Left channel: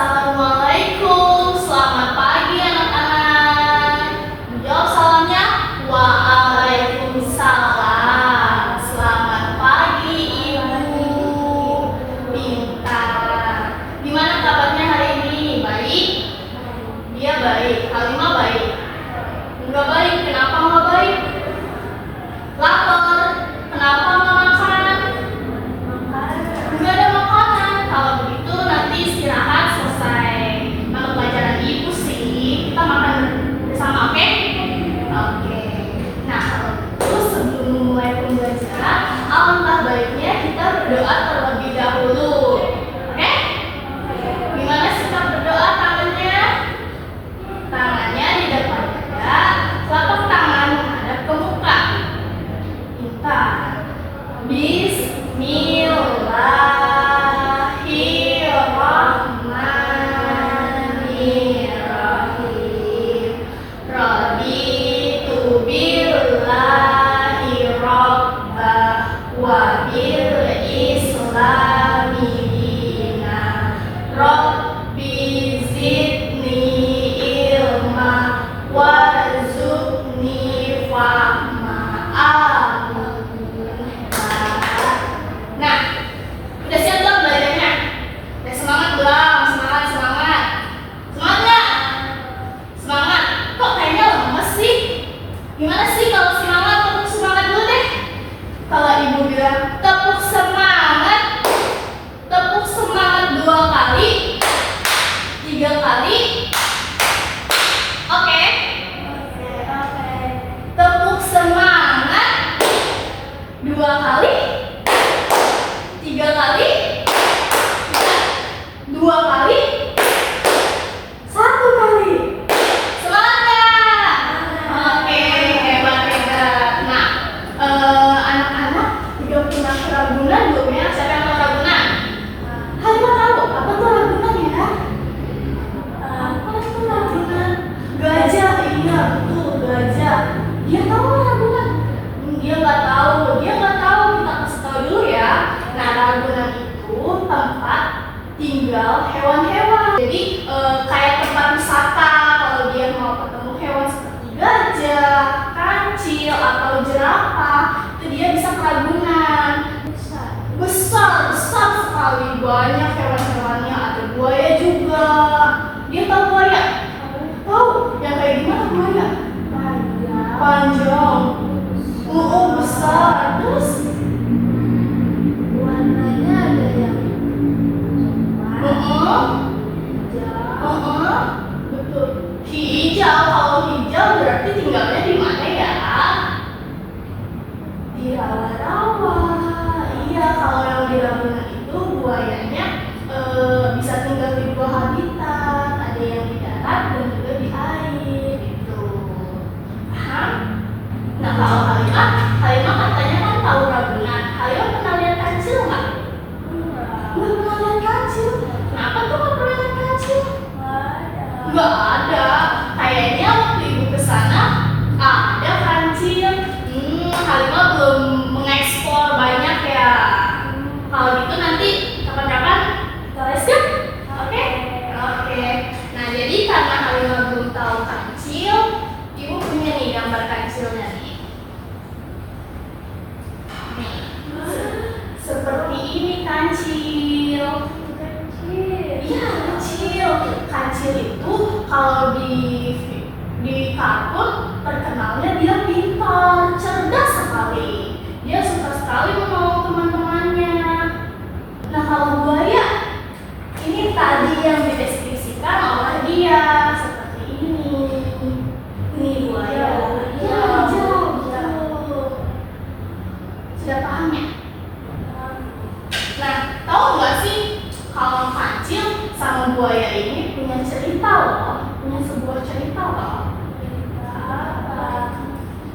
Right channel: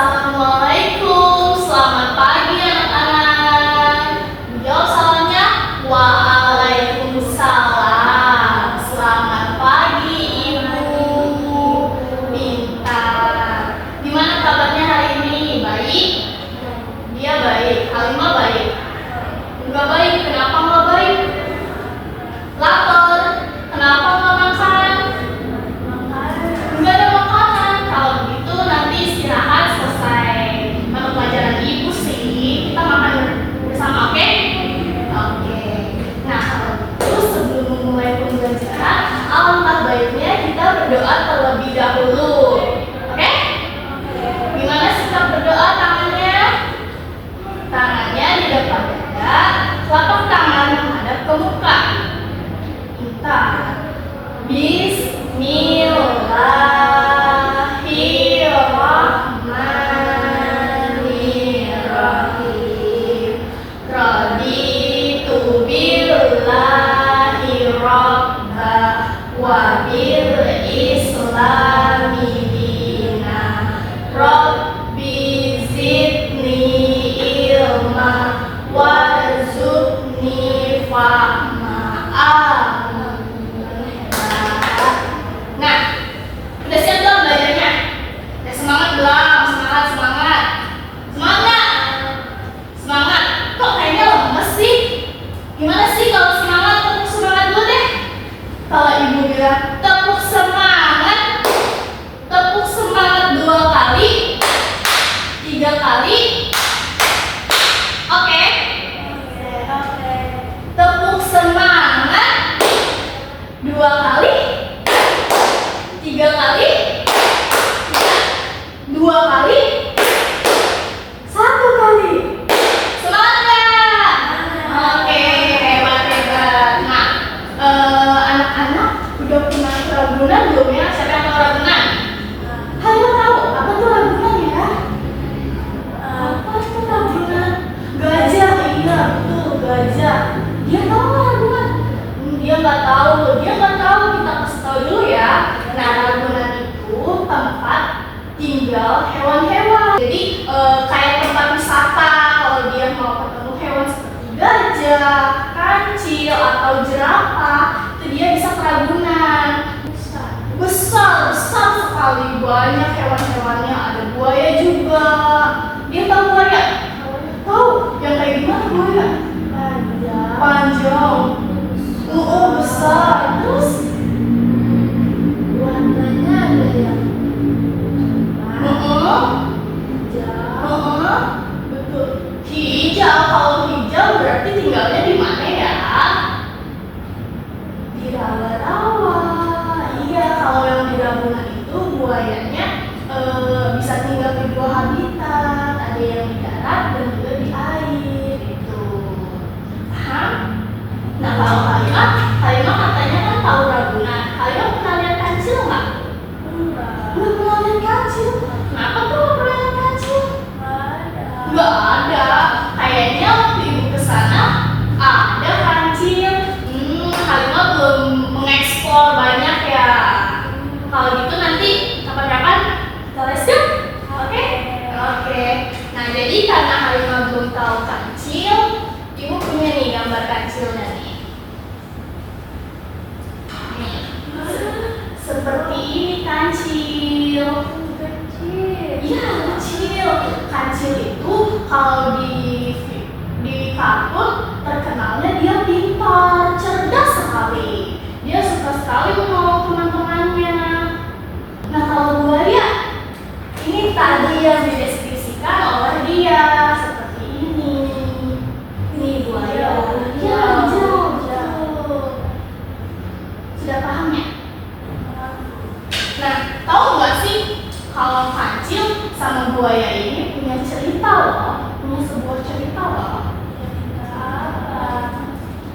Assalamualaikum, selamat pagi anak-anak. Jawab salamnya. Waalaikumsalam. Selamat pagi Ibu. Pintar. Gimana kabarnya hari ini? Baik? Dia baik. Halimah baik? Enggak baik. Kenapa enggak baik? Lapar. Kenapa enggak makan? Enggak ada makanan. Kalau begitu nanti istirahat selesai mata pelajaran Ibu sih. Kita makan bersama, oke? Oke. Nah, kalau begitu sebelum memulai pembelajaran, alangkah baiknya kita berdoa terlebih dahulu. Oke? Gimana sikap berdoa tangannya? Tangannya di depan dada, telapak tangan menghadap ke muka. Pintar. Bismillahirrahmanirrahim. Raditu billahi rabba wa bil islami dina. Rabbi zidni ilma warzuqni fahma. Nah, udah siap belum belajarnya? Udah semangat belum? Semangat, semangat. Semangat nggak? Semangat. Kok kayaknya lemes sih? Gimana sih kalau semangat? Tepuk semangat dulu deh. Kalau Ibu bilang tepuk semangat 2 kali, 3 kali. Oke? Tepuk semangat 2 kali, 3 kali, 2 kali, 1 kali. Semangat nggak? Oke, hebat. Nah, anak-anak udah pernah Ragunan belum ya? Siapa yang tahu Ragunan? Halimah tahu. Apa tuh Ragunan ya? Apa tuh Ragunan? Gajah, iya betul, gajah. Dia tahu nggak Ragunan? Dia nggak tahu. Kita kasih tahu dulu ya. Nah, Ragunan itu tempat tinggal hewan-hewan. Jadi kayak tempat wisata. Kalau dia mau ketemu hewan seperti gajah, kancil atau jerapah, itu dia bisa ke Ragunan. Besar sekali, banyak hewan-hewannya. Ada buaya juga. Dia tahu buaya? Tahu? Yang kayak gimana buaya? Panjang. Besar. Terus warnanya ada yang betul. Hijau. Kalau hijau berarti tinggalnya di mana ya? Di rawa-rawa. Iya, kalau yang di Ragunan itu buayanya bisa tinggal di 2 habitat. Ada yang di darat dan juga di air. Itu. Paham? Nah, kalau Halimah katanya kan tahu Ragunan. Halimah pernah lihat kancil nggak? Nggak pernah lihat kancil. Kenapa tuh nggak pernah lihat kancil? Nggak ada. Kayaknya waktu Ibu kesana ada kancil. Halimah belum mengeksplor banyak ya. Kalau gitu nanti kapan-kapan kita les yuk. Oke? Nah, jadi karena Halimah belum tahu kancil, Ibu punya nih gambar kancilnya nih. Seperti ini kancil. Iya, kecil. Kancil itu kalau di kartun terkenalnya dia pintar, cerdas sekali. Dia suka sekali menolong teman-temannya. Nah, kalau buaya, ini tadi yang dideskripsikan oleh dia seperti ini. Ini buaya. Iya, hijau. Sudah paham ya? Nah, tahu nggak sih kalau kancil sama buaya ini punya cerita loh, punya sebuah cerita loh.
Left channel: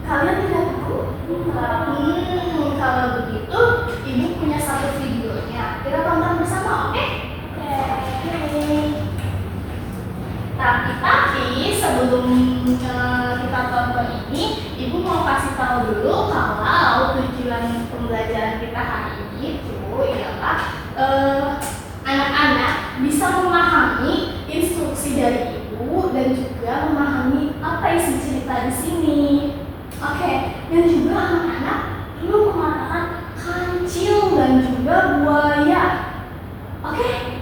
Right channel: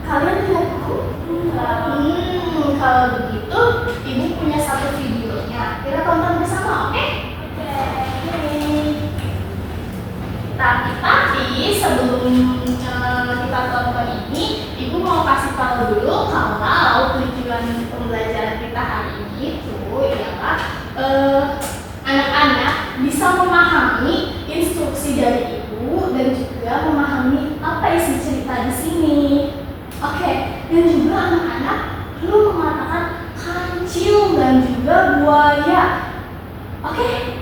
Kalian tidak tahu? Kalau begitu, Ibu punya satu videonya. Kita tonton bersama, oke? Tapi sebelum kita tonton ini, Ibu mau kasih tahu dulu kalau tujuan pembelajaran kita hari ini itu ialah anak-anak bisa bisa memahami instruksi dari ibu dan juga memahami apa isi cerita di sini. Oke, dan juga anak-anak perlu mengatakan kancil dan juga buaya. Oke,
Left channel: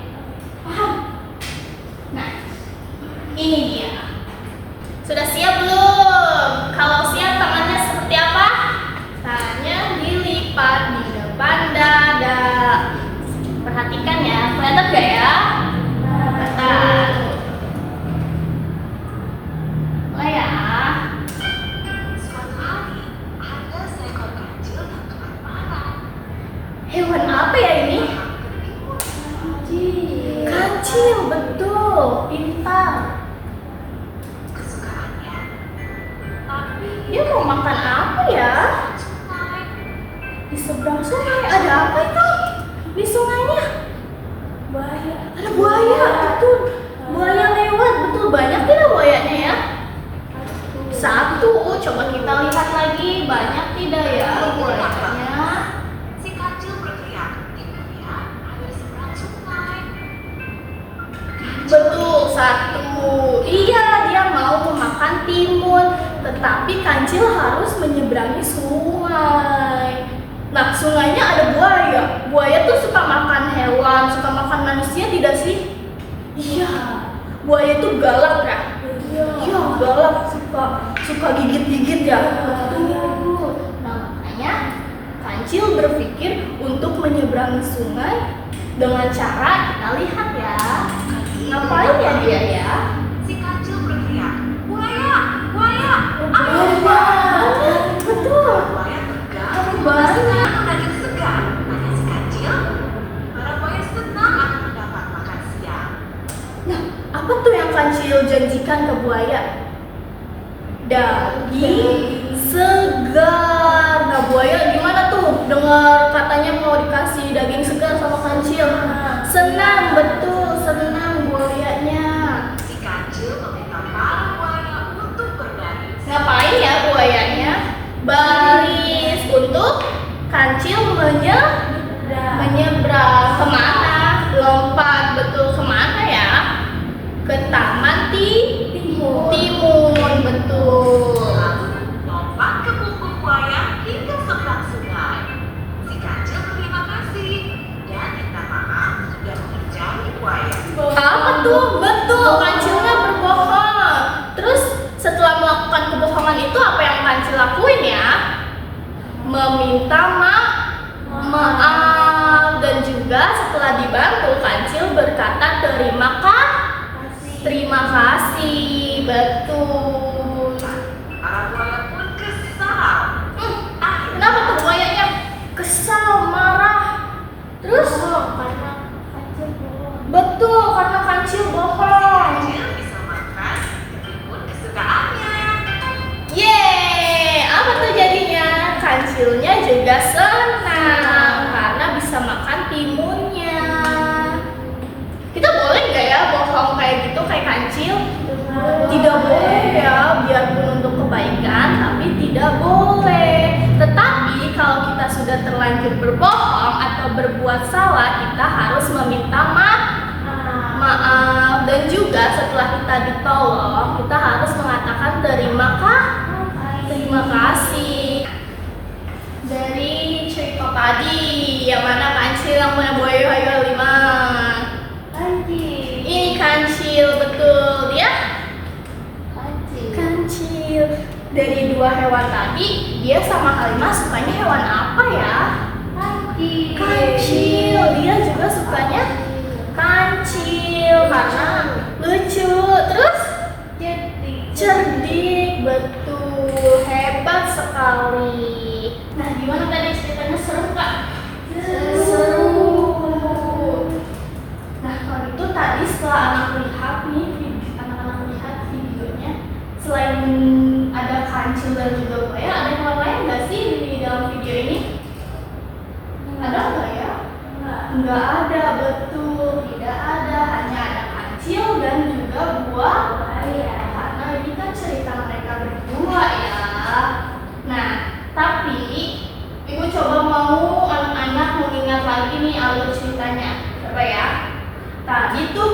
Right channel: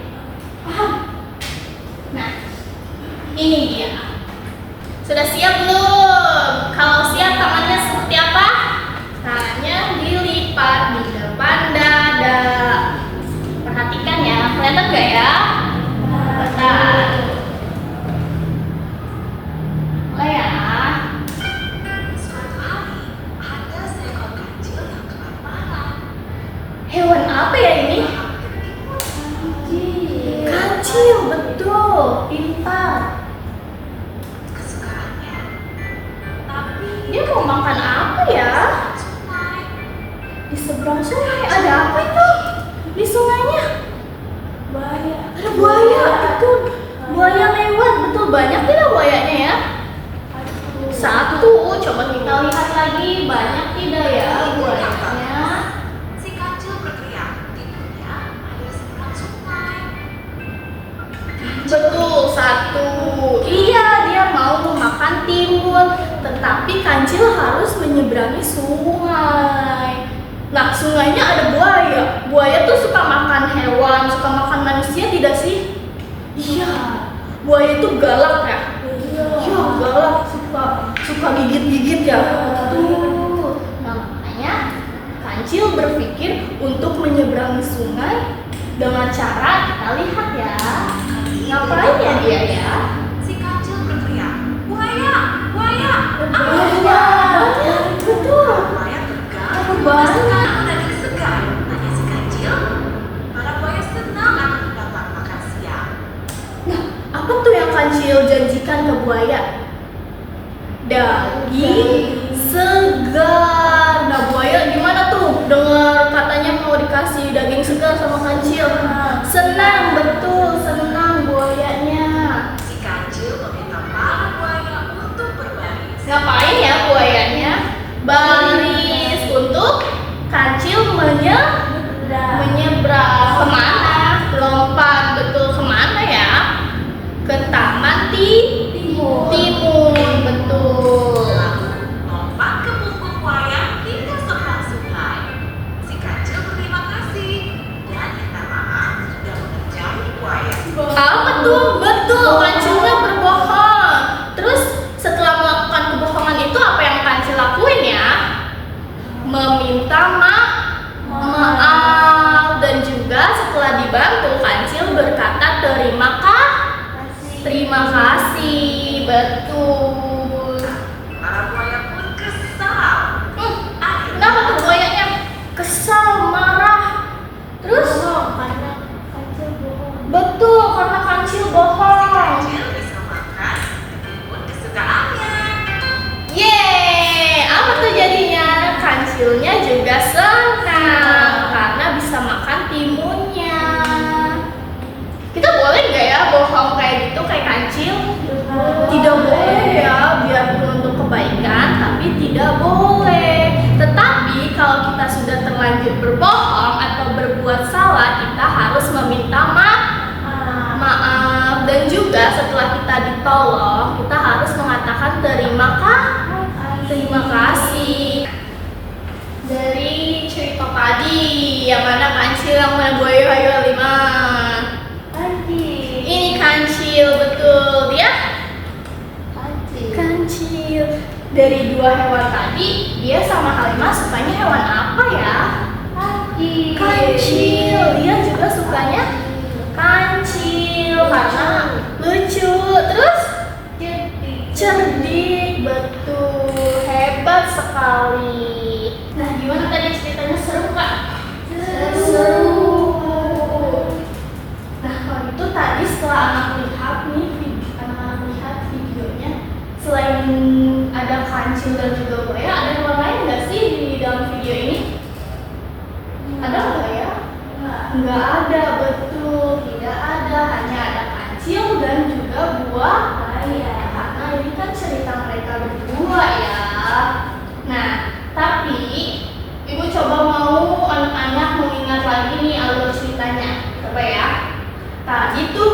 paham? Nah, ini dia. Sudah siap belum? Kalau siap, tangannya seperti apa? Tangannya dilipat di depan dada. Perhatikan ya, kelihatan gak ya? Kelihatan. Mulai ya. Suatu hari, ada seekor kancil yang kelaparan. Hewan apa ya ini? Kancil, betul. Pintar. Kesukaannya. Tapi Dia mau makan apa ya? sungai. Di seberang sungai ada apa itu? Di sungainya? Buaya. Ada buaya, betul. Buaya lewat, betul. Banyak tidak buayanya ya? Satu. Coba kita lihat lagi. Banyak tidak ya buayanya? Si kancil berteriak, timunnya ada di seberang sungai. Betul, satu. Iya, dia mau memakan timun, tetapi kancil harus menyeberangi sungai. Nah, sungainya ada buaya. Buaya tuh suka makan hewan, suka makan manusia tidak sih? Iya. Buaya itu galak ya? Iya, galak, suka gigit-gigit ya. Betul. Nah, makanya kancil berpikir untuk menyeberangi sungai dengan cara kita lihat ya. Ngapain ya dia ya? Si kancil berteriak, buaya, buaya, Buaya. Betul. Buaya tegang, Buaya. sekarang daging segar. Tanya si kancil, para buaya senang akan mendapat makan siang. Nah, apa tuh yang kancil janjikan ke buaya? Daging segar. Nah, buaya gimana tuh? Dengar katanya mau dikasih daging segar sama kancil. Senang, betul, senang buayanya. Si kancil meminta para buaya untuk berbaris. Ngapain ya buayanya? Baris untuk kancil menyeberang. Kemana? Lompat, betul, kemana ya? Ke taman timun, betul. Lalu lompat ke punggung buaya hingga seberang sungai. Si kancil berterima kasih dan minta maaf sudah mengerjai buaya. Apa tuh? Betul, kancilnya berbohong. Terus setelah melakukan kebohongan itu apa yang kancil lakuin ya? Meminta maaf. Dan juga setelah dibantu, kancil berkata terima kasih, betul. Para buaya pun kesal. Kenapa tuh buayanya kesal, marah? Terus? Karena kancil bohong. Betul, karena kancil bohong. Kancil bisa makan timun kesukaannya. Yeay, apa tuh jadinya? Kancilnya juga senang karena bisa makan timunnya. Kita boleh nggak ya bohong kayak gitu kayak kancil? Tidak boleh ya, biarpun untuk kebaikan, tapi tidak boleh. Tetapi kalau kita sudah terlanjur berbohong atau berbuat salah, kita harus meminta maaf. Dan juga setelah kita ditolong, kita harus mengatakan terima kasih. Dari cerita tadi, yang mana kancil yang mana buaya lima? Ini kancil, betul dia. Kancil. Dari dua hewan tadi, dia sama Halimah sukanya hewan apa ya? Kancil. Dia juga sukanya kancil karena lucu. Terus cerdik, betul, hebat sekali. Nah, gimana tadi ceritanya, seru Kak? Seru. Nah, kalau itu tadi setelah anak-anak lihat videonya, selain ada kancil dan juga buaya, ada hewan lain nggak sih di dalam video ini? Ada nggak ya? Nggak ada, betul, tidak ada, hanya ada kancil dan juga buaya. Karena ini kan cerita mereka berdua ya. Nah, tapi Ibu coba mau anak-anak mengingat lagi nih alur ceritanya. Coba ya. Tadi tuh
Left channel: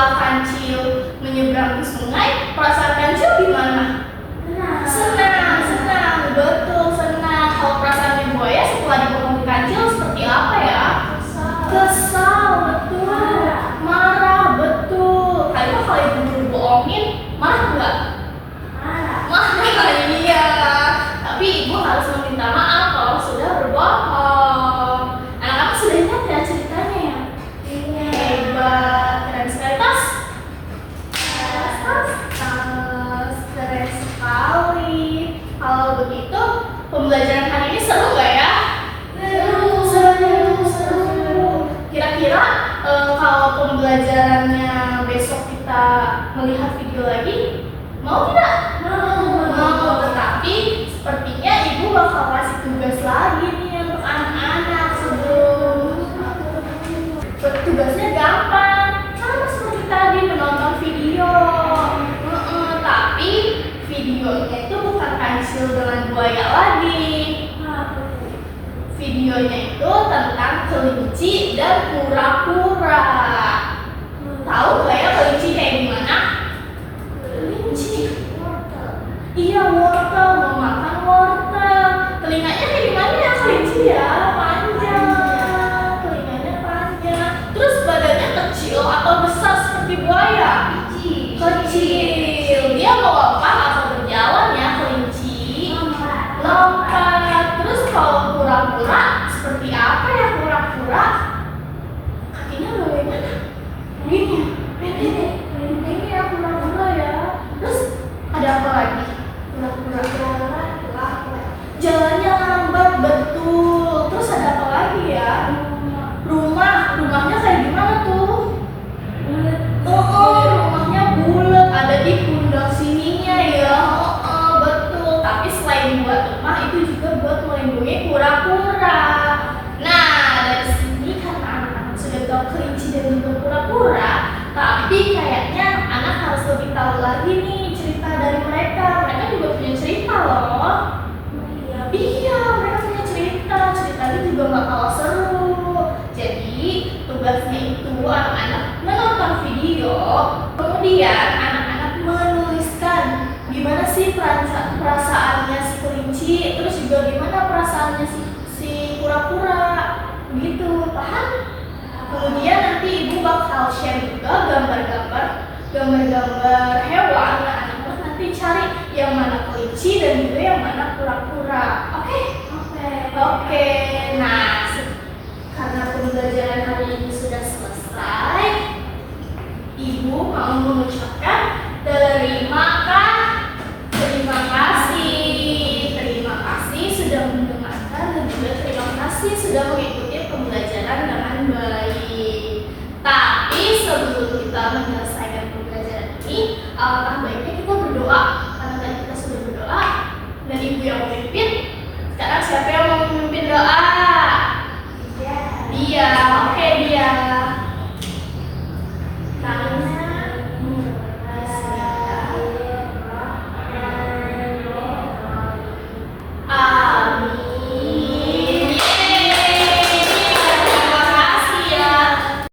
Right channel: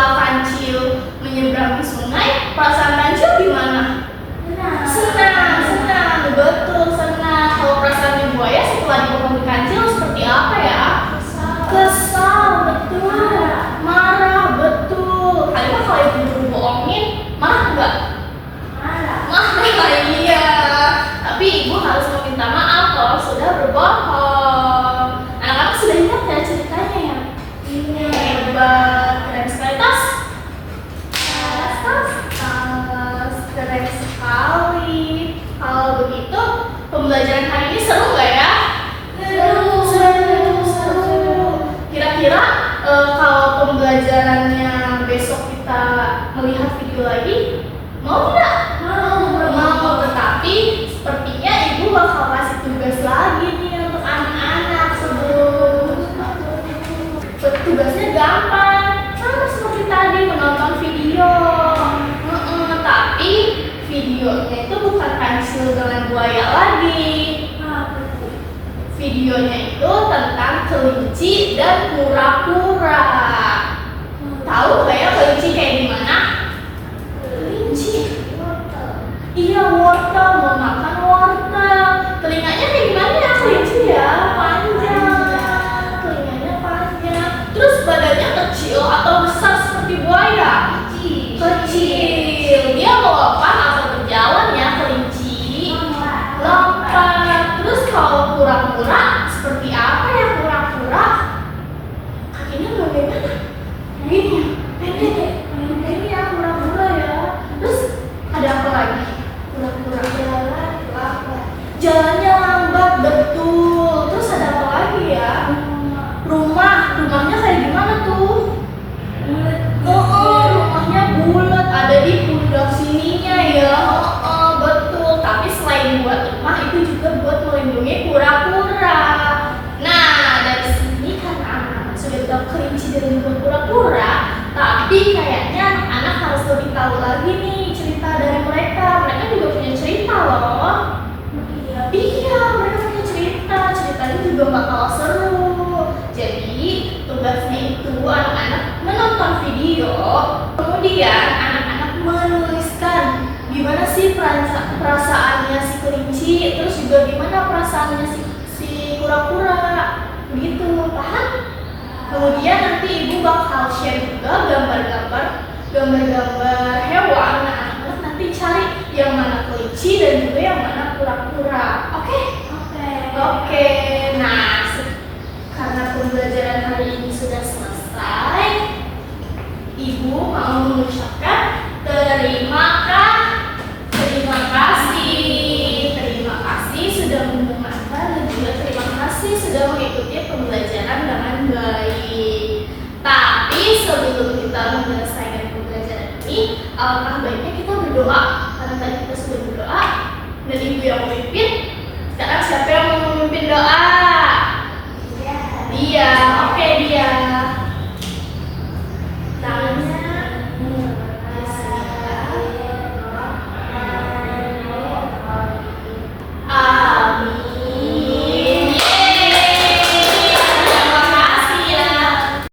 setelah kancil menyeberangi sungai, perasaan kancil gimana? Senang, betul senang. Kalau perasaan buaya setelah dipotong di kancil seperti apa ya? Kesal, betul. Marah, betul. Kali mah kalau ibu bohongin, marah nggak? Marah, iya. Tapi ibu harus meminta maaf kalau sudah berbohong. Anak-anak sudah ingat ya ceritanya ya? Hebat, keren sekali tas. Keren sekali. Kalau begitu, pembelajaran hari ini seru nggak ya? Seru. Kira-kira kalau pembelajarannya besok kita melihat video lagi, mau tidak? Mau. Tetapi sepertinya ibu bakal kasih tugas lagi nih untuk anak-anak sebelum. Tugasnya gampang, sama seperti tadi menonton video. Tapi videonya itu bukan kancil dengan buaya lagi. Videonya itu tentang kelinci dan kura-kura. Tahu nggak ya kelinci kayak gimana? Kelinci. Iya, wortel, mau makan wortel. Telinganya kayak gimana ya kelinci ya? Panjang. Telinganya panjang. Terus badannya kecil atau besar seperti buaya? Kecil. Dia mau lompat atau berjalan ya kelinci? Lompat. Terus kalau kura-kura seperti apa ya kura-kura? Kakinya bagaimana? Ini pendek. Ini ya kura-kura ya. Terus ada apa lagi? Kura-kura jalannya lambat, betul. Terus ada apa lagi ya? Rumahnya kayak gimana tuh? Rumahnya bulat, ada di pundak sininya ya. Betul. Tapi selain buat rumah itu juga buat melindungi kura-kura. Nah, dari sini karena anak-anak sudah tahu kelinci dan juga kura-kura, tapi kayaknya anak-anak harus lebih tahu lagi nih cerita dari mereka. Mereka juga punya cerita loh. Iya, mereka punya cerita. Ceritanya juga gak kalah seru. Jadi, tugasnya itu anak-anak menonton video, kemudian anak-anak menuliskan gimana sih perasaannya si kelinci, terus juga gimana perasaannya si kura-kura. Begitu, paham? Kemudian nanti ibu bakal share juga gambar-gambar hewan. Nah, anak-anak nanti cari yang mana kelinci dan juga yang mana kura-kura. Oke. Nah, karena pembelajaran hari ini sudah selesai, ibu mau mengucapkan terima kasih sudah mendengarkan dan juga terima kasih sudah mengikuti pembelajaran dengan baik. Tapi sebelum kita menyelesaikan pembelajaran ini, alangkah baiknya kita berdoa. Karena tadi kita sudah berdoa dan ibu yang